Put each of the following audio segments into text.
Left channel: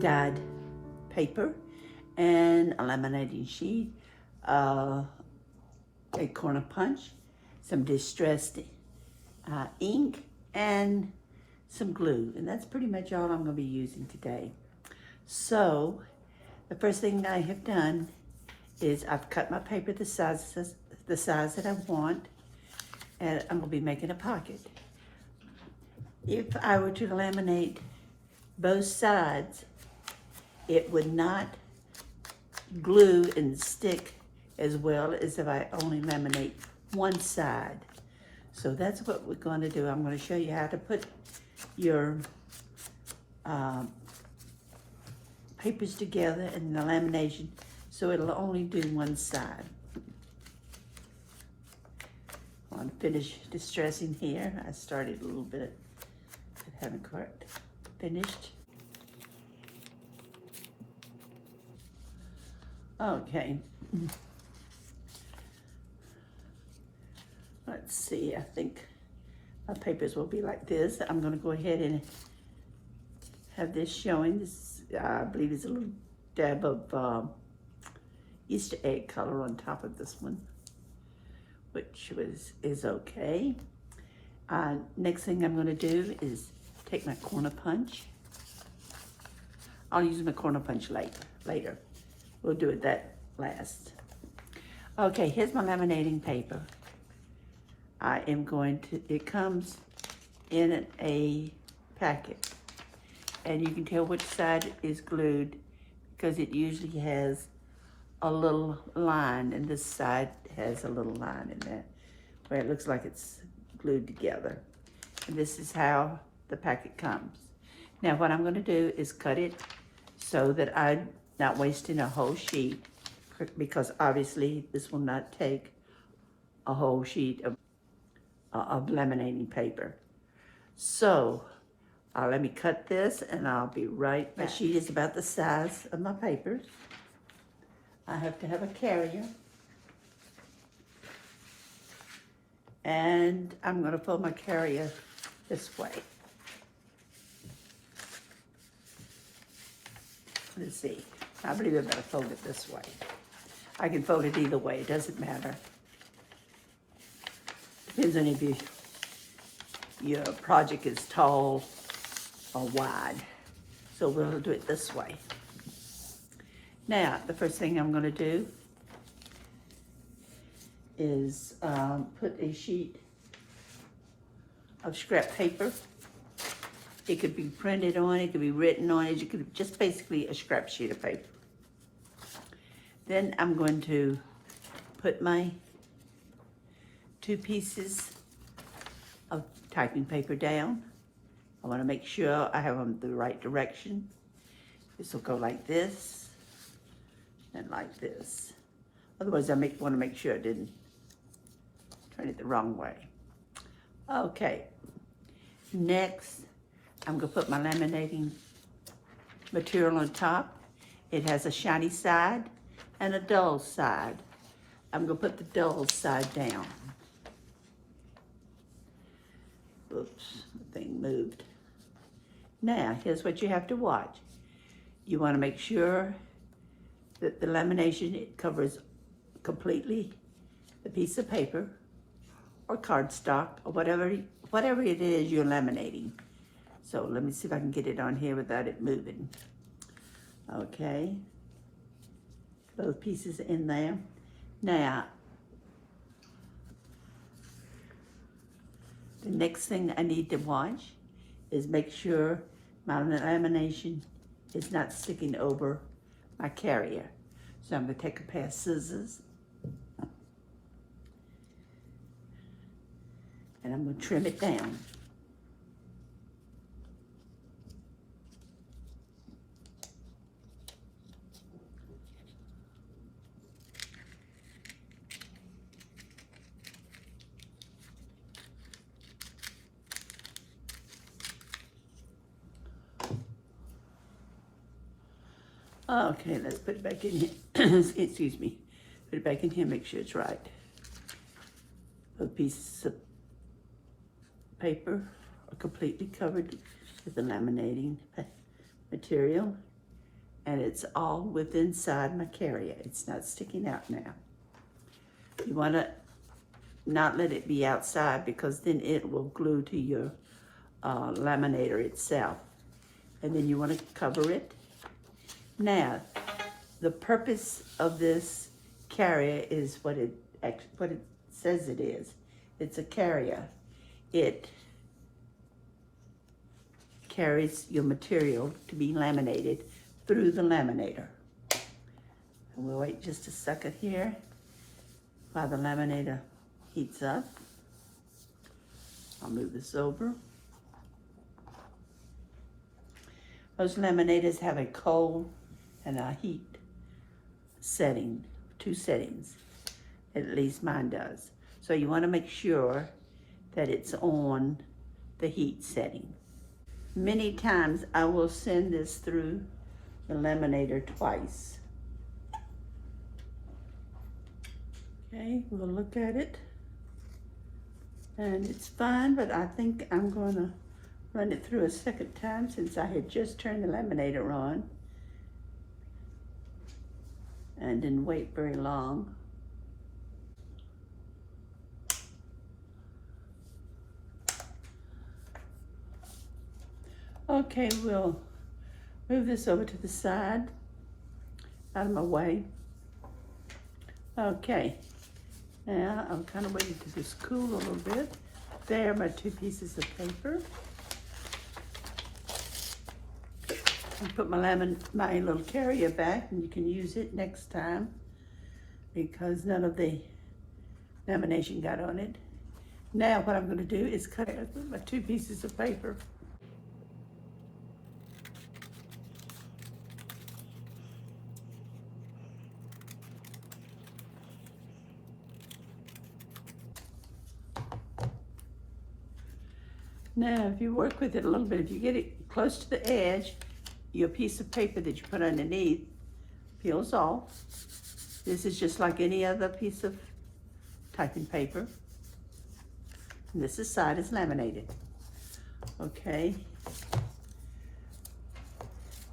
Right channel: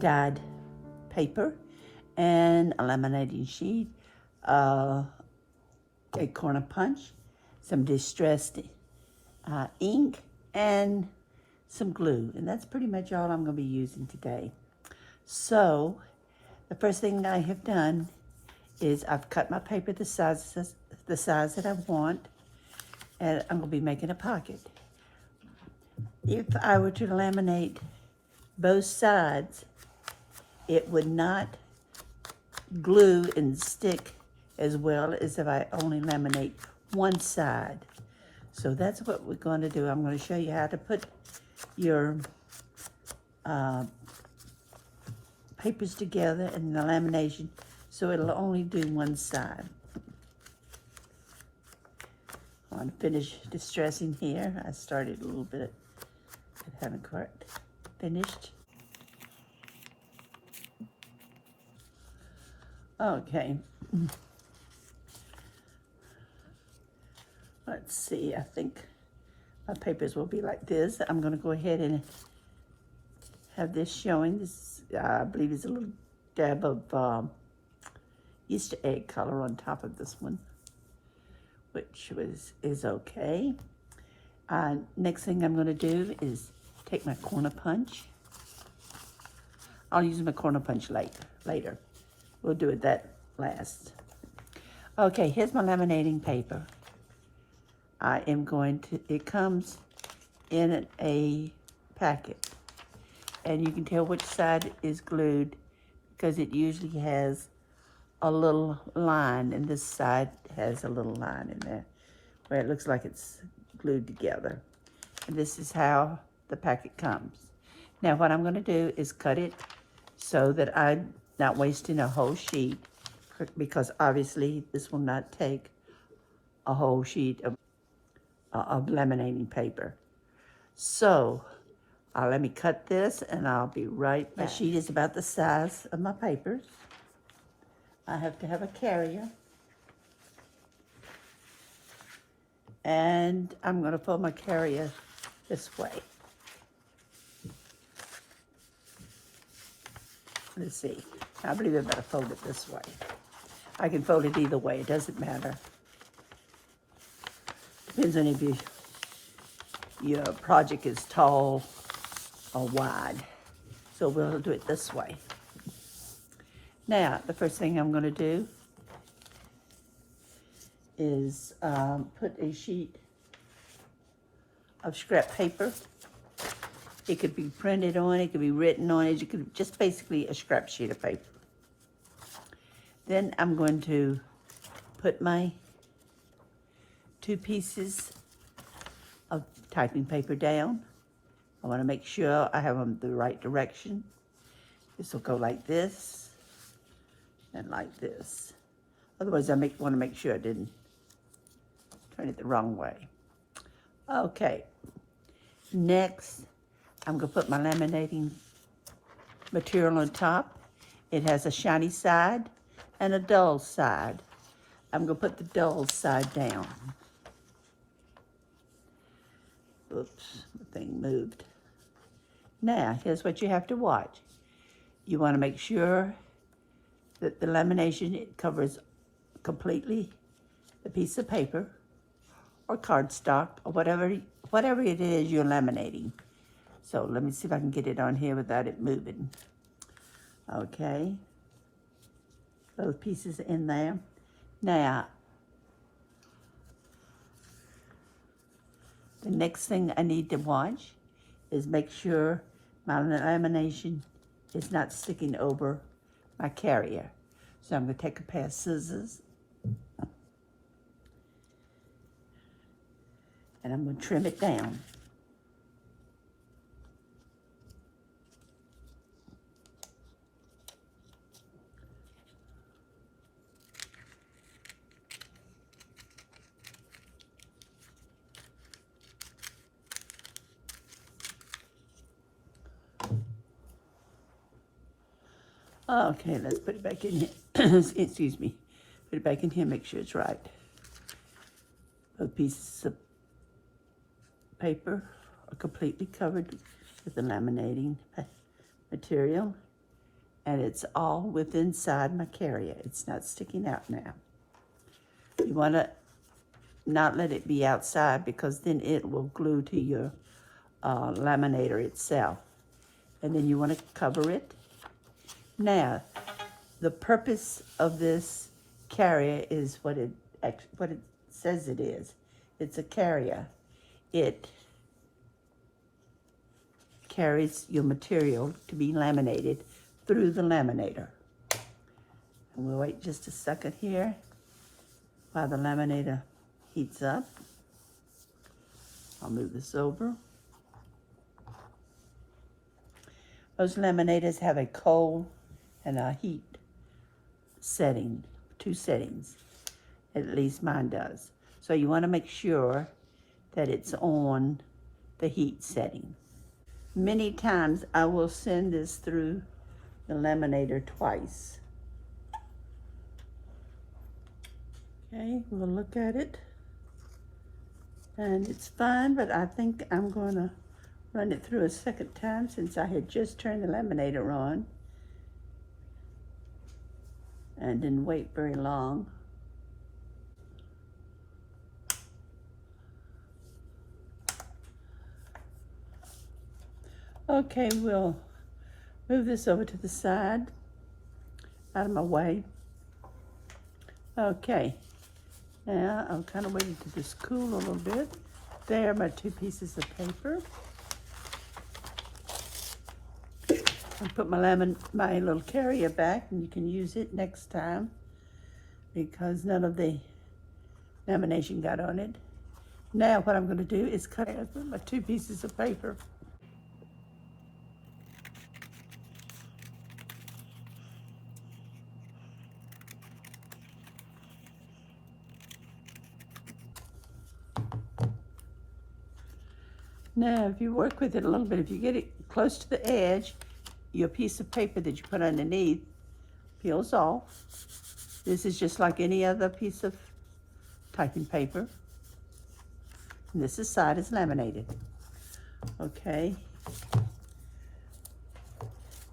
dyed paper and a laminating sheet, a corner punch, some distressed ink, and some glue. And that's pretty much all I'm going to be using today. So the first thing I have done is I've cut my paper the size that I want, and I'm going to be making a pocket. If I were to laminate both sides, it would not glue and stick as well as if I only laminate one side. So that's what we're going to do. I'm going to show you how to put your papers together in the lamination so it'll only do one side. I'm going to finish distressing here. I started a little bit, but haven't quite finished. Okay. Let's see, I think my papers will be like this. I'm going to go ahead and have this showing. This, I believe, is a little dab of Easter egg color on top of this one, which is okay. Next thing I'm going to do is take my corner punch. I'll use my corner punch later. We'll do it that last. Okay, here's my laminating paper. I am going to, it comes in a packet, and you can tell which side is glued because it usually has a little line, and this side has a little line in there where it looks like it's glued together. And this is how the packet comes. Now what I'm going to do is cut it so that I'm not wasting a whole sheet, because obviously this will not take a whole sheet of laminating paper. So let me cut this and I'll be right back. My sheet is about the size of my papers. I have to have a carrier, and I'm going to fold my carrier this way. Let's see, I believe I better fold it this way. I can fold it either way, it doesn't matter. Depends on if your project is tall or wide. So we'll do it this way. Now, the first thing I'm going to do is put a sheet of scrap paper. It could be printed on, it could be written on it, it could be just basically a scrap sheet of paper. Then I'm going to put my 2 pieces of typing paper down. I want to make sure I have them the right direction. This will go like this and like this. Otherwise, I want to make sure I didn't turn it the wrong way. Okay. Next, I'm going to put my laminating material on top. It has a shiny side and a dull side. I'm going to put the dull side down. Oops, the thing moved. Now, here's what you have to watch. You want to make sure that the lamination, it covers completely the piece of paper or cardstock or whatever it is you're laminating. So let me see if I can get it on here without it moving. Okay, both pieces in there. Now, the next thing I need to watch is make sure my lamination is not sticking over my carrier. So I'm going to take a pair of scissors and I'm going to trim it down. Okay, let's put it back in here. Excuse me. Put it back in here, make sure it's right. Both pieces of paper are completely covered with the laminating material. and it's all within inside my carrier. It's not sticking out now. You want to not let it be outside because then it will glue to your laminator itself. And then you want to cover it. Now, the purpose of this carrier is what it says it is. It's a carrier. It carries your material to be laminated through the laminator. And we'll wait just a second here while the laminator heats up. I'll move this over. Most laminators have a cold and a heat setting, 2 settings. At least mine does. So you want to make sure that it's on the heat setting. Many times I will send this through the laminator twice. Okay, we'll look at it. And it's fine, but I think I'm going to run it through a second time since I had just turned the laminator on and didn't wait very long. Okay, we'll move this over to the side, out of my way. Okay, now I'm kind of waiting to just cool a little bit. There are my 2 pieces of paper. I put my little carrier back, and you can use it next time because none of the lamination got on it. Now what I'm going to do is cut out my 2 pieces of paper. Now, if you work with it a little bit, if you get it close to the edge, your piece of paper that you put underneath peels off. This is just like any other piece of typing paper. And this side is laminated. Okay.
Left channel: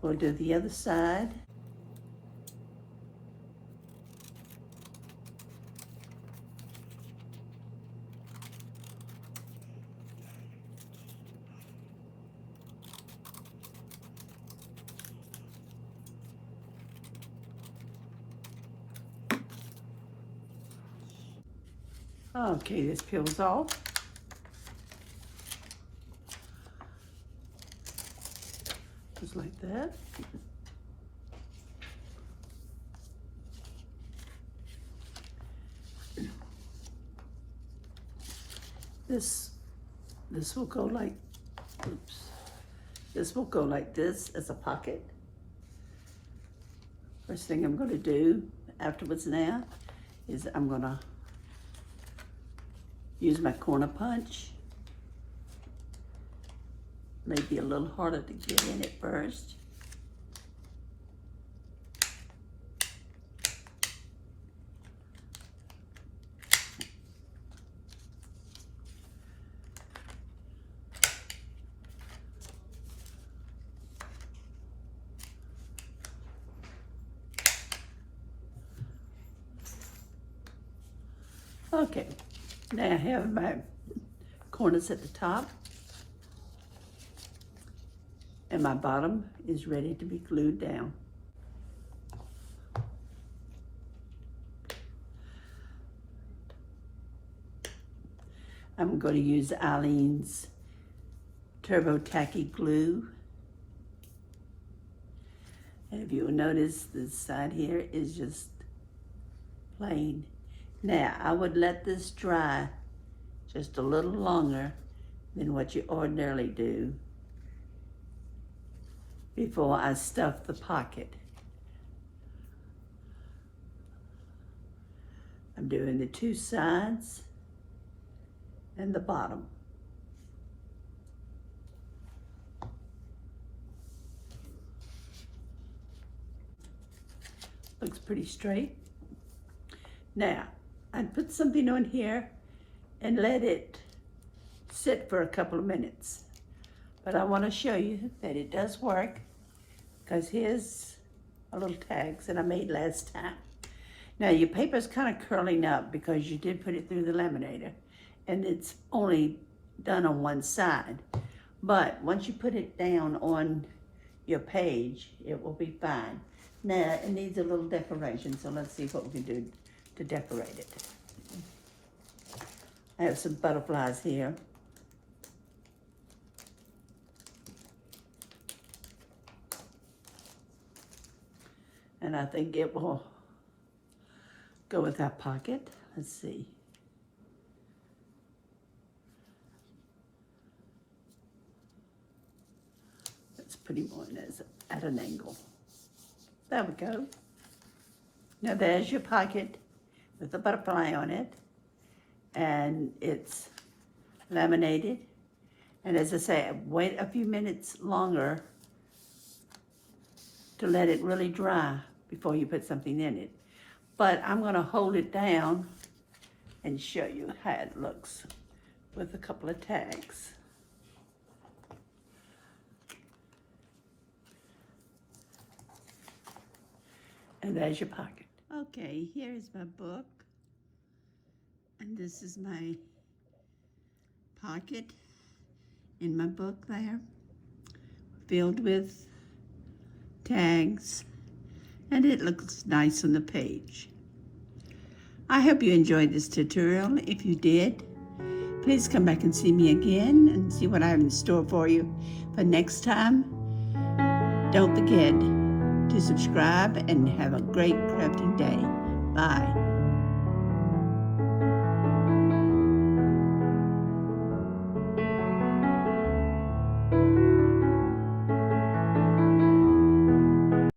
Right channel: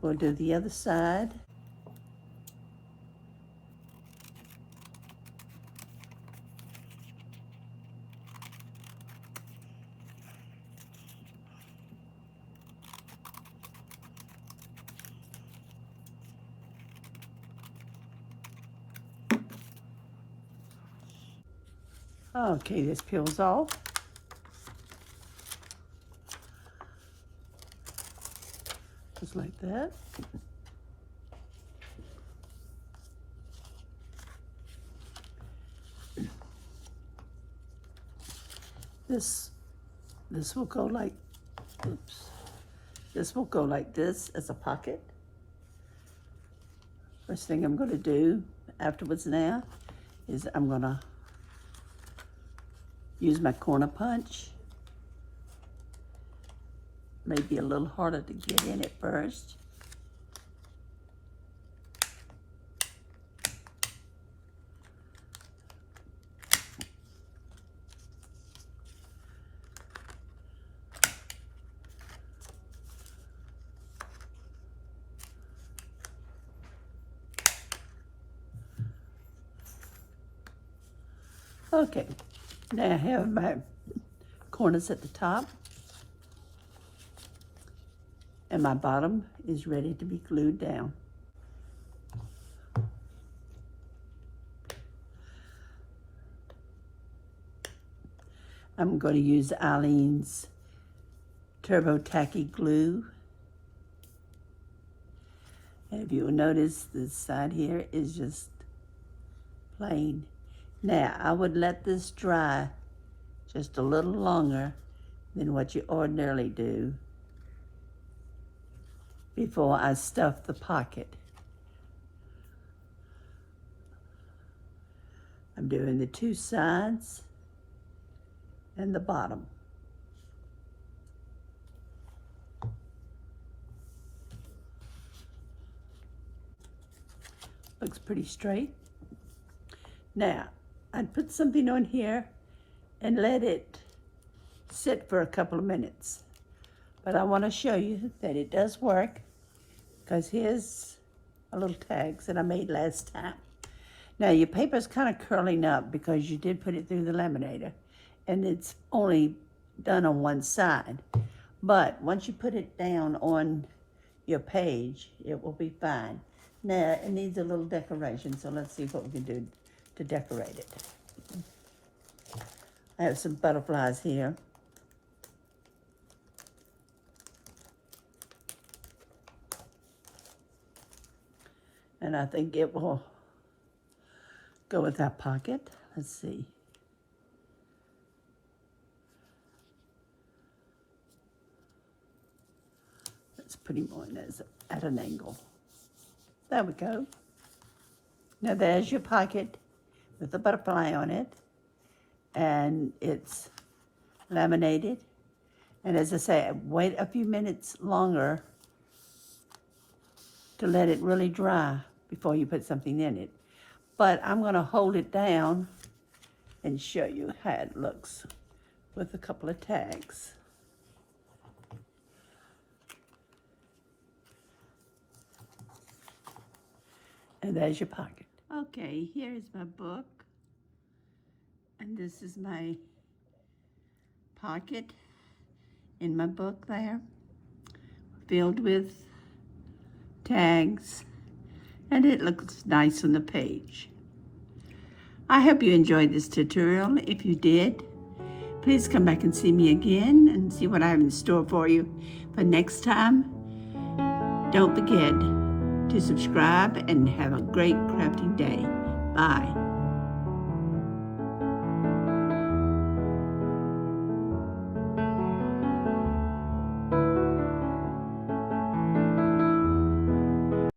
We'll do the other side. Okay, this peels off. Just like that. This will go like, oops. This will go like this as a pocket. First thing I'm going to do afterwards now is I'm going to use my corner punch. Maybe a little harder to get in at first. Okay, now I have my corners at the top, and my bottom is ready to be glued down. I'm going to use Eileen's Turbo Tacky Glue. And if you will notice, this side here is just plain. Now, I would let this dry just a little longer than what you ordinarily do before I stuff the pocket. I'm doing the 2 sides and the bottom. Looks pretty straight. Now, I'd put something on here and let it sit for a couple of minutes. But I want to show you that it does work, because here's little tags that I made last time. Now your paper's kind of curling up because you did put it through the laminator, and it's only done on one side. But once you put it down on your page, it will be fine. Now it needs a little decoration, so let's see what we can do to decorate it. I have some butterflies here. And I think it will go with that pocket. Let's see. Let's put him on at an angle. There we go. Now there's your pocket with the butterfly on it. And it's laminated. And as I say, wait a few minutes longer to let it really dry before you put something in it. But I'm going to hold it down and show you how it looks with a couple of tags. And there's your pocket. Okay, here is my book. And this is my pocket in my book there, filled with tags, and it looks nice on the page. I hope you enjoyed this tutorial. If you did, please come back and see me again and see what I have in store for you for next time. Don't forget to subscribe and have a great crafting day. Bye.